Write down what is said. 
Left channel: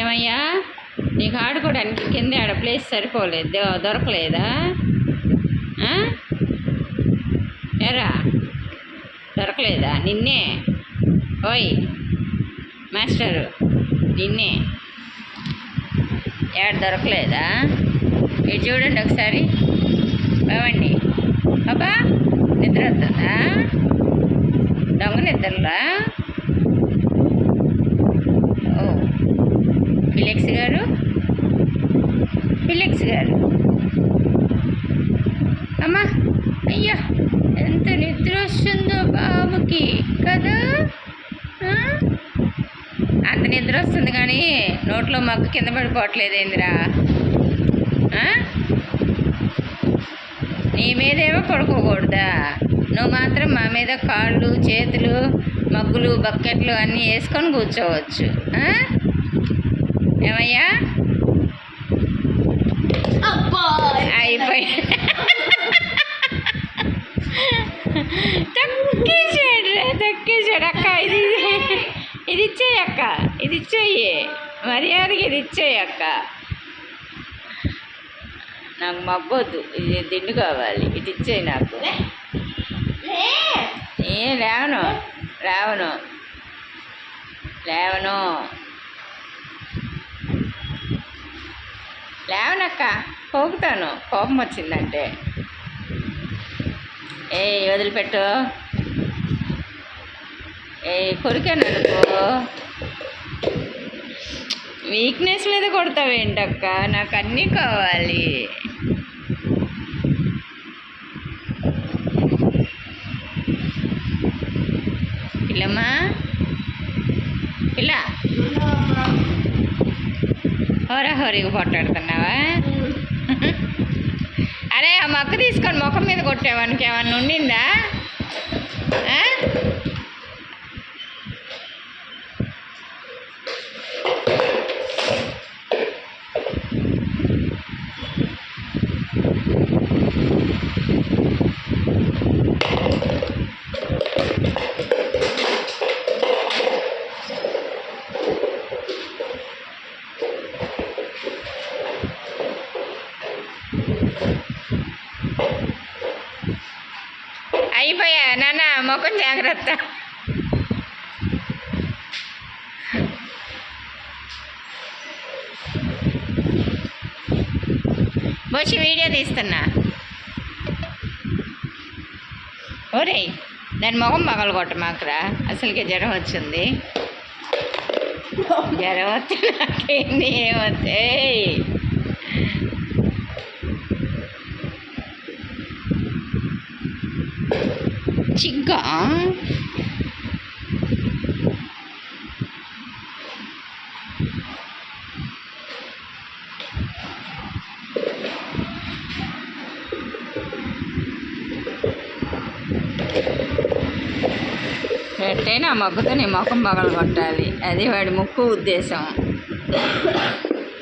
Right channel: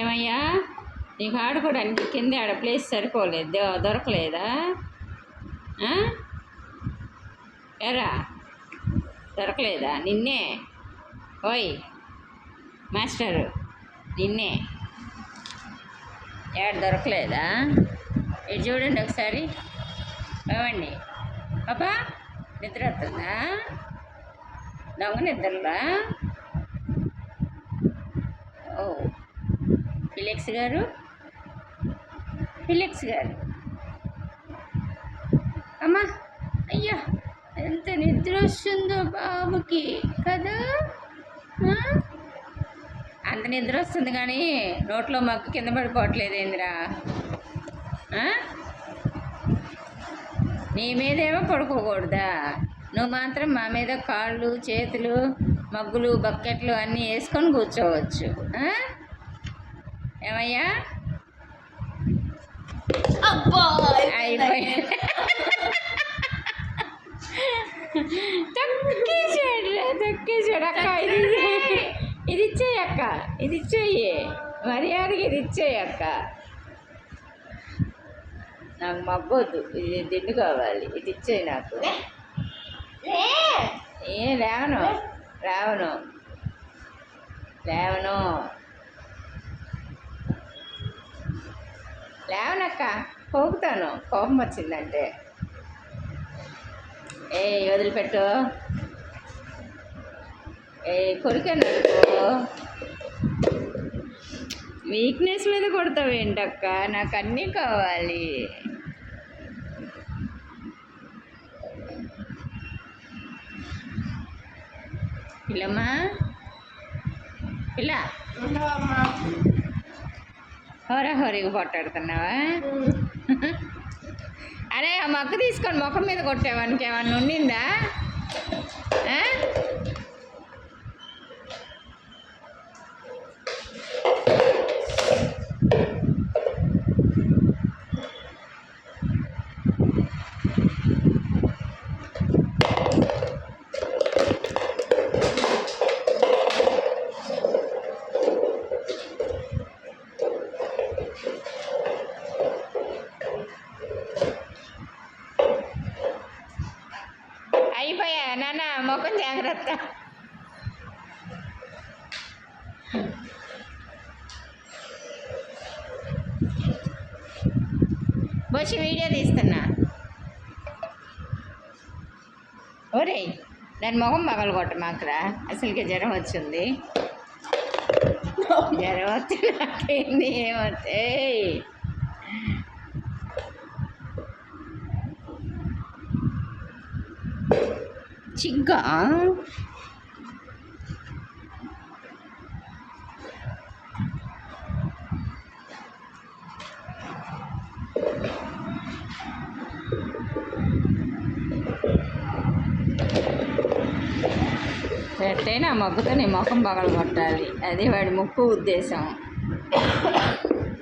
ఏమయ్యా? నీకు ఆడుకోవడానికి కింద ఆడ ప్లేస్ సరిపోలేదు? దొరకలేదా? ఎరా? దొరకలేదా? నిన్నే? ఓయ్ మాస్టరు నిన్నే. ఏడ దొరకలేదా? ఇటు చూడండి ఒకసారి. ఏమండి పాపా నిద్ర వస్తుందా? దొంగ నిద్రలా? ఫిలిక్స్ గారు. ఫిలిక్స్ గారు. అమ్మా అయ్యా ఎంత నిద్ర వస్తుందో బాబుకి కదా? అంత నిద్ర వస్తుంది కానీ నోట్లో మగ్గు కింద పడిపోవట్లేదు ఏందిరా? నీ మీదేమో పడుకోకూడదా? నువ్వు మాత్రం మా మీద కాళ్ళు చేతులు మగ్గులు బకెట్లు అన్నీ వేసుకొని కూర్చోవచ్చు. ఆ? ఏమయ్యా? అయిపోయి తక్కేసాడు తక్కేసాడు అక్క. ఇది ఇది ఇచ్చేయి అక్క. ఇది ఇచ్చేయి. మర్యాదకి ఇది ఇచ్చేయి అక్క. నాకు మగ్గొద్దు. ఇది దిండు కావాలి. ఇది ఇచ్చేయి నాకు. ఏ లేవను. లేవను. లేవను. లేవనక్క పోగుతాను. కోపం వచ్చిందంటే. ఏ వదిలిపెట్టు. ఏ కొరికాను అనుకో వీక్నెస్ మీద కొడతావేంటక్క నాకు అన్నీ కావాలి. పిల్లమ్మా? పిల్ల. హోరా హోరీగా పొట్టాడుతున్నావా అరే ఆ మగ్గు తీసుకొని ముఖం మీద కొట్టేవానికి ఏమన్నా ఉండిందా ఆ? అయిపోయా? నాన్న ముఖం జాగ్రత్త. బొచ్చి వీడియో తీస్తున్నా. ఓరే దాని ముఖం పగలగొట్ట కొట్ట మాకురా. అసలుకే జ్వరం వచ్చింది. జ్వరం వస్తే నాకేంది ఏమొస్తే చిగ్గా ఎట్టయినా ఆ మగ్గుతో నీ ముఖం పగలగొట్టాలి. అది వాడి ముక్కు ఉద్దేశం.